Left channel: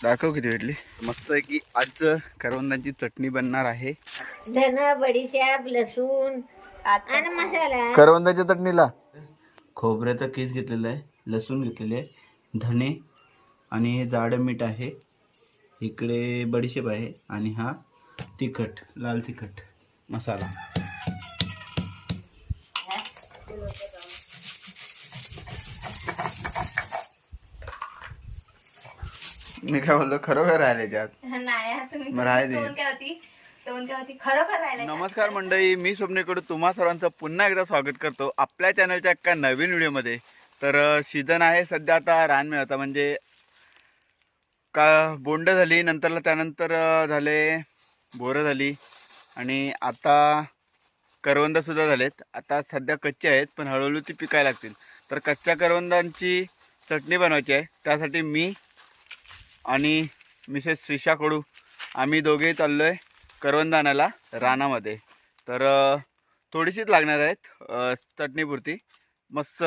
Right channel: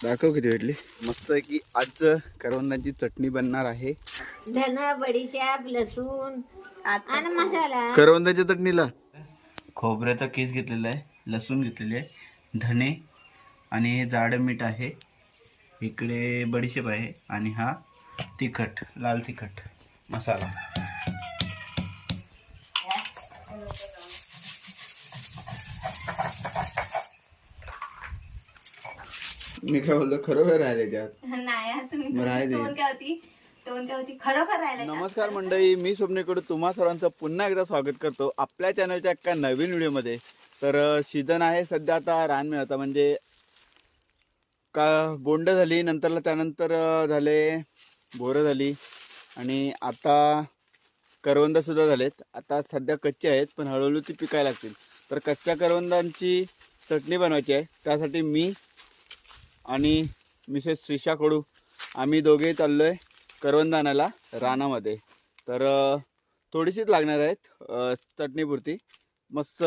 दाखव किती भेटली. मस्त आहे की आज करवंदाची चटणी बनणार आहे. धन बडीशेप लसूण आणि मसाला. करवंदाच्या चटणीला. खोबऱ्याचा केस घेतलेला आहे लसूण घेतलेले आहे धणे आणि हे जाडं मीठ आहे. इकडे बडीशेप आहे आणि हा तिखट लाल तिखट मसाला. मी काय बोललो खरोखर राहिले त्यात. नाही यार, तुम्ही मग राहिले. टोन काय होती? टोन काय होती? खरोखर राहिला नमस्कार मंडळी मी स्वप्नेकडून तुम्हा सर्वांचं पुन्हा एकदा स्वागत करतो आपल्या चॅनलच्या एका नवीन व्हिडिओमध्ये. तर सीझन आहे सध्या आता रान मिळता. म्हणजे का बोंड झाली नंतरला त्यानंतर अं, झाले बोरं झाली आणि आता करवंदसुद्धा झालेत. आता सध्या कच्चे आहेत पण हळूहळू ती पिकायला लागतील. तर कच्च्या करवंदांची चटणी बनवायची आहे. त्यासाठी मी आणि मिसेस श्रीषा कडू आम्ही दोघे चाललो आहे करवंदानाला रानामध्ये. तर थोडीशीच लागणार आहेत चटणीपुरती. मस्त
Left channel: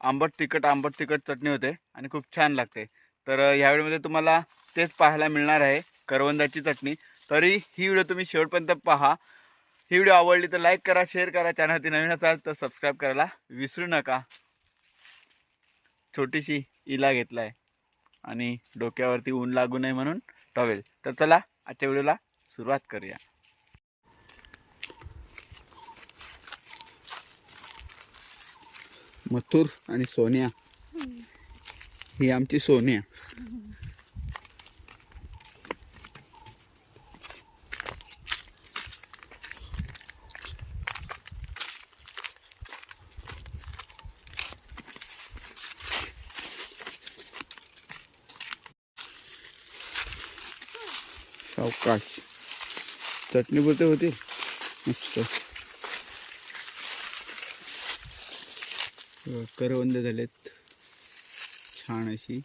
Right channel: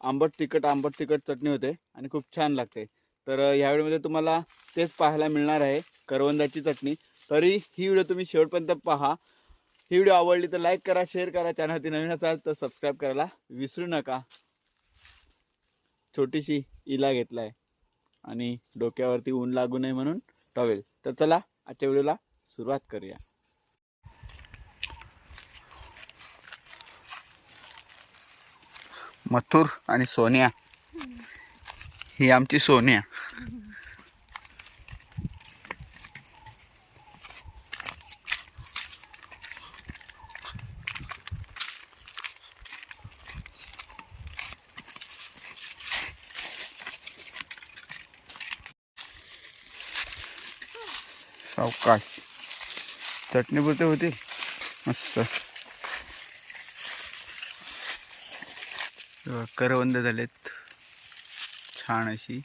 आंबट तिखट आंबट तिखट चटणी होते आणि खूप छान लागते. तर ह्यावेळेमध्ये तुम्हाला तेच पाहायला मिळणार आहे करवंदाची चटणी. तरी ही व्हिडिओ तुम्ही शेवटपर्यंत पहा. ही व्हिडिओ आवडली तर लाईक करा शेअर करा चॅनलवरती नवीन असाल तर सबस्क्राईब करायला विसरू नका. छोटीशी इला घेतला आहे आणि डोक्यावरती ऊन लागू नये म्हणून टॉवेल. तर चला आजच्या व्हिडिओला सुरुवात करूया. मथुर आणि सोनिया. ही आमची सोनिया. सावकाश चटणी पुरते होतील मस्त. करवंद झालेत. छान अशी.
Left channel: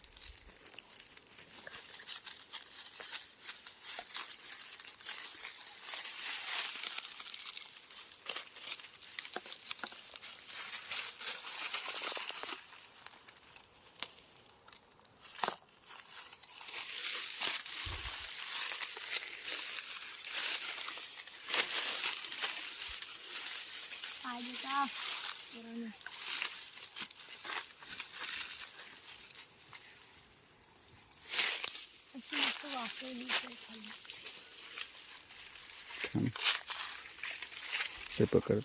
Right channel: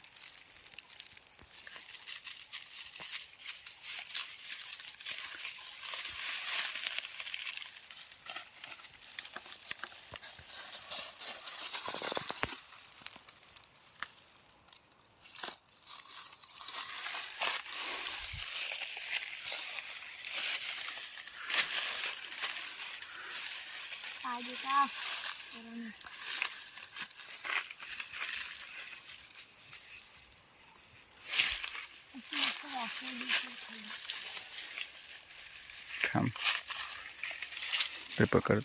थांब ते पकड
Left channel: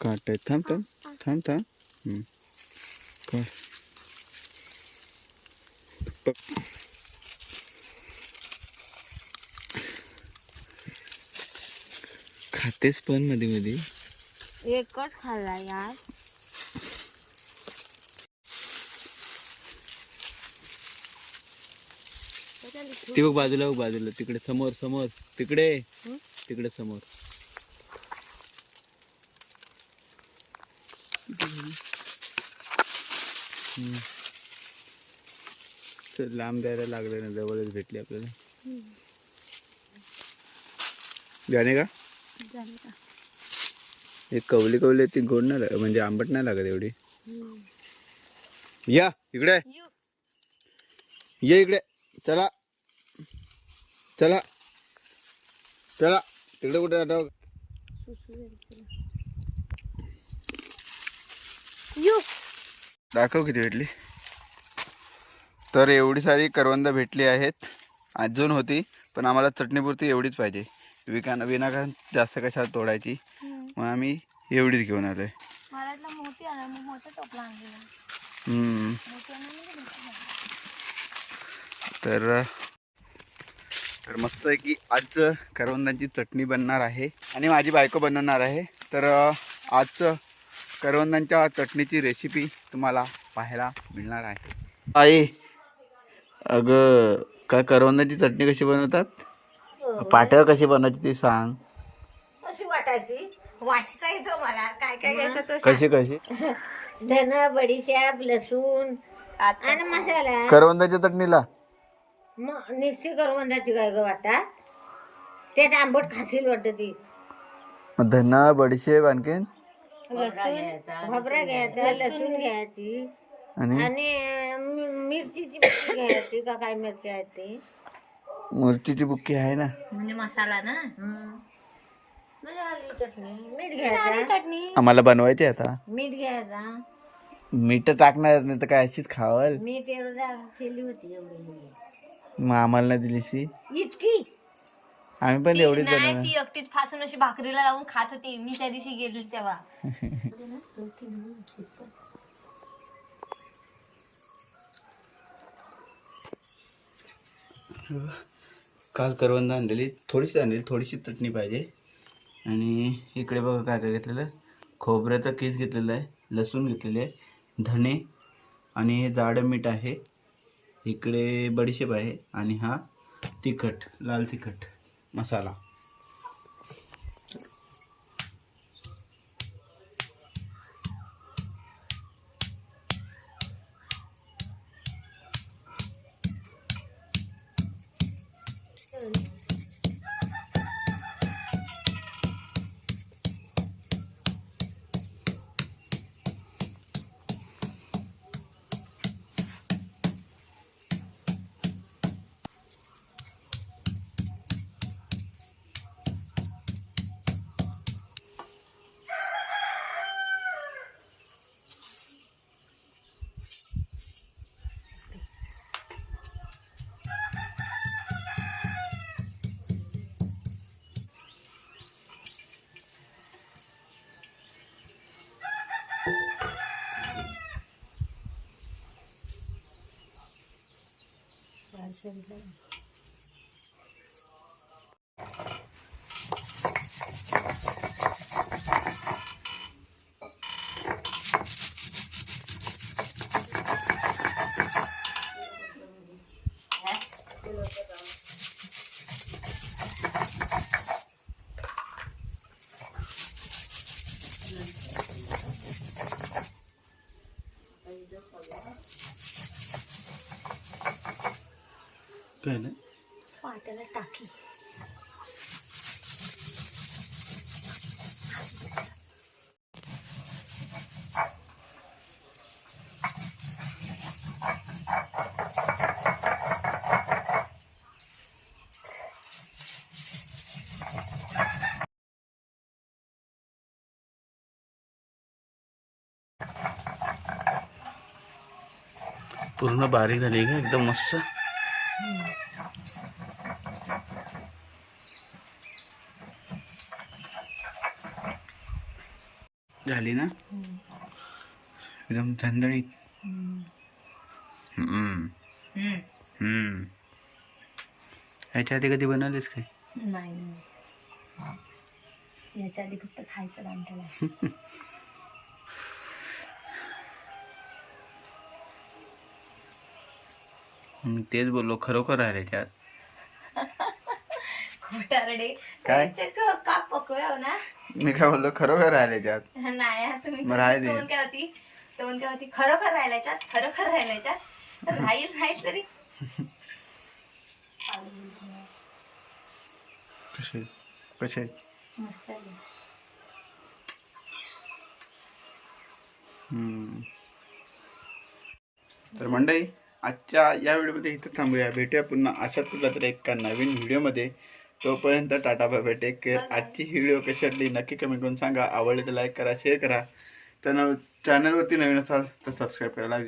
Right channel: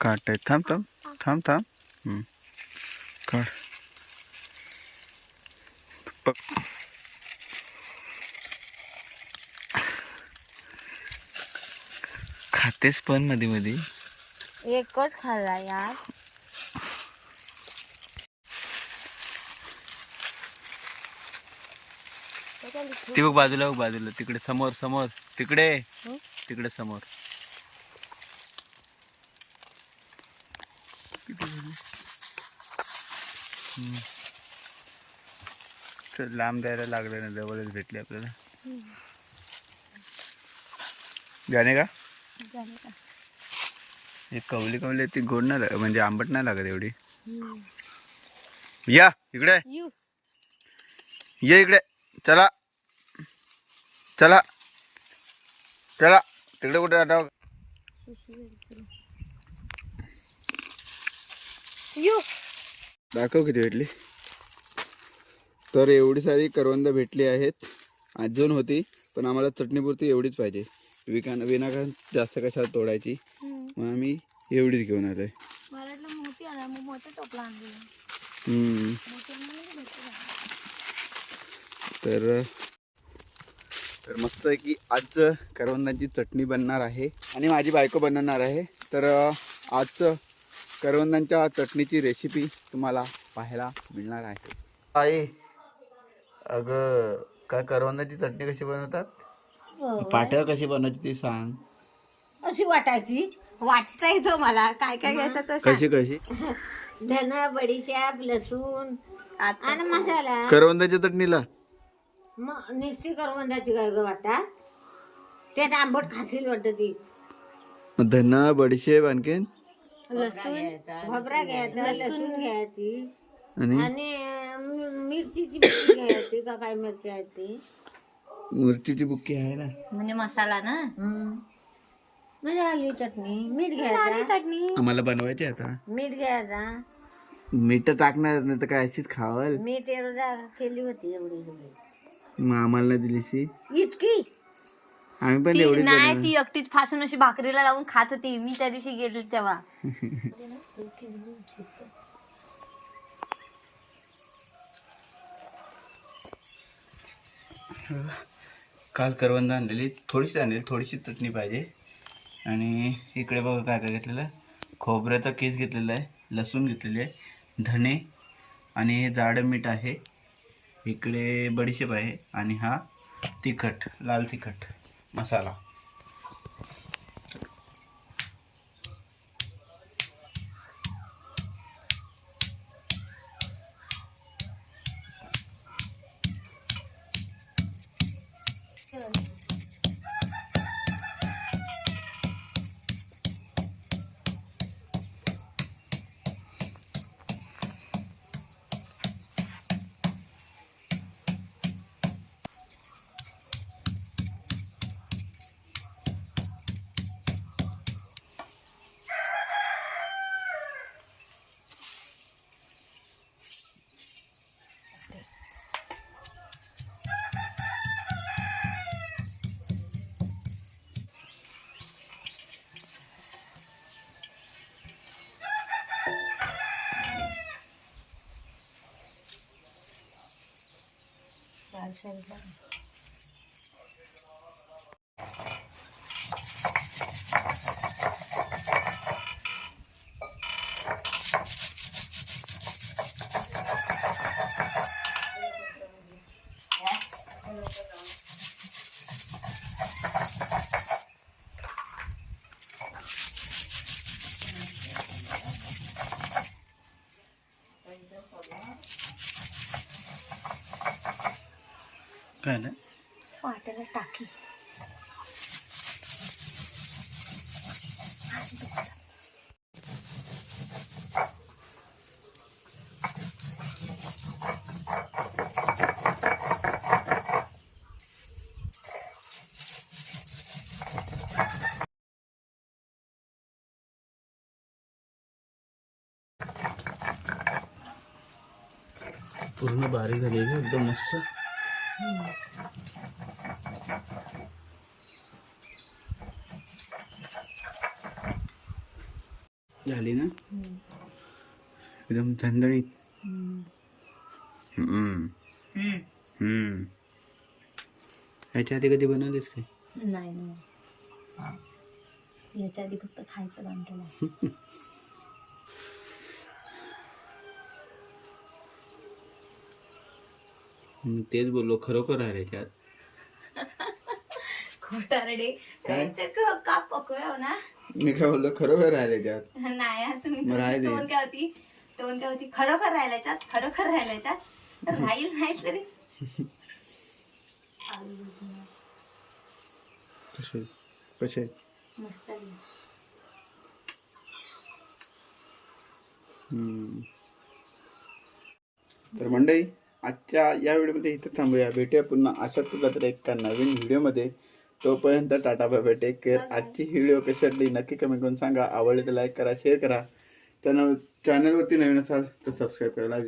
काट आहे थांब थांब पक खातेस पण मध्ये मध्ये एकच खाल्ला यार. ती बघ बाजूला बघ बाजूला. तिकडे समोर समोर. तिकडे. तिकडे समोर. चल, लांब द्यायला लागलं ना जवळच भेटली आपल्याला. गाणे का? झाले का? हे कवली कवली ती गोड नाही लाग म्हणजे आंबट नाही लागत एवढी. या इकडे. यू. ये इकडे. चला. चला. चला. तिकडे कुठे यू. दाखव किती भेटली. तर एवढी सारी करवंद भेटली आहेत. अजून होती पण आम्हाला चटणीपुरती एवढीच पाहिजे. विकाना विनाकारण जास्त कशाला तोडायची? मग आम्ही एवढीच घेऊन आलोय. मोठी आला मग मोठा टोपला आणली. की. तर तर मस्त आहे की आज करवंदाची चटणी बनणार आहे. आणि माझी बायको बनवणार आहे. तर आज करवंदांच्या चटणीची रेसिपी तुम्हाला पाहायला मिळणार आहे. आई अगं काय करवंदाची चटणी कशी बनवतात? पाट्यावर कशी बनवायची ती सांग. अशी वाटायची? वाटता येतो मला. काय काय घ्यायचं कशी कशी? धन बडीशेप लसूण आता. आणि मसाला. करवंदाच्या चटणीला. मग निस्ती करवंदाची काय ग वाटा त्यात आंबट खाशील वाटत ती. धना बडीशेप आणखीन? लसूण. भबरा घ्यायचा लसूण. घ्यायची. आणि? आणि अं, मिरचीची लागते का? काय मिरची आहेत ती? मिरचीची बुक्की आहे ना. म्हणजे मसाला ना? म्हणजे आली चटणी. मीठ घ्यायचा चटणी. आम्हाला बनवायची आता. मीठ घ्यायचा मीठ टाकणार नाही तर काय अशीच खावल. मीठ एवढं जागा केली होती एवढी. एवढी मग आम्हाला नाही दिली सी इतकी? आम्ही पण एवढीच नाही बनवणार. ती एकटीच फासून अशी भाकरीला लावून खात होती. मी त्या दिवशी गेली तेव्हा. काल करवंद आणलेली. थोडीशी आणलेली थोडीशी चटणी पाहिजे. आणि इकडे बघा काय काय घेतलेलं. खोबऱ्याचा केस घेतलेला आहे लसूण घेतलेली आहे धणे आणि हे जाडं मीठ आहे. इकडे बडीशेप आहे आणि हा तिखट लाल तिखट मसाला. 还是这样。काय ना वाटेला टाकी. पूर्ण बारीक झाली का? एकदम मस्त. झाली ना? एकदम. हम्म. ह्याच्या आधी कधी बनवलीस काय? नाही नाही. याच्या आधी फक्त खायचं काम मी तेच बोललो खरोखर राहिले त्यात. खोटारडे काय? पकवाव ना? मी काय बोललो खरोखर राहिले त्यात. नाही तुम्ही मग राहिले. टोन काय होती? टोन काय होती? खरोखर राहिल्याच्यात खरोखर राहिल्याच्यात राहील नाही तरी. कसे? कसे? मस्त आहे. हम्म. तर मंडळी आजच्या या व्हिडिओमध्ये इथं थांबूया. भेटूया पुन्हा. अशाच कुठला तरी एका नवीन व्हिडिओमध्ये. तोपर्यंत टाटा बाय टेक केअर आजची व्हिडिओ कशी वाटली नक्की कमेंट करून सांगा. आवडली तर लाईक करा शेअर करा. चॅनल चॅनलवरती नवीन असाल तर सबस्क्राईब करायला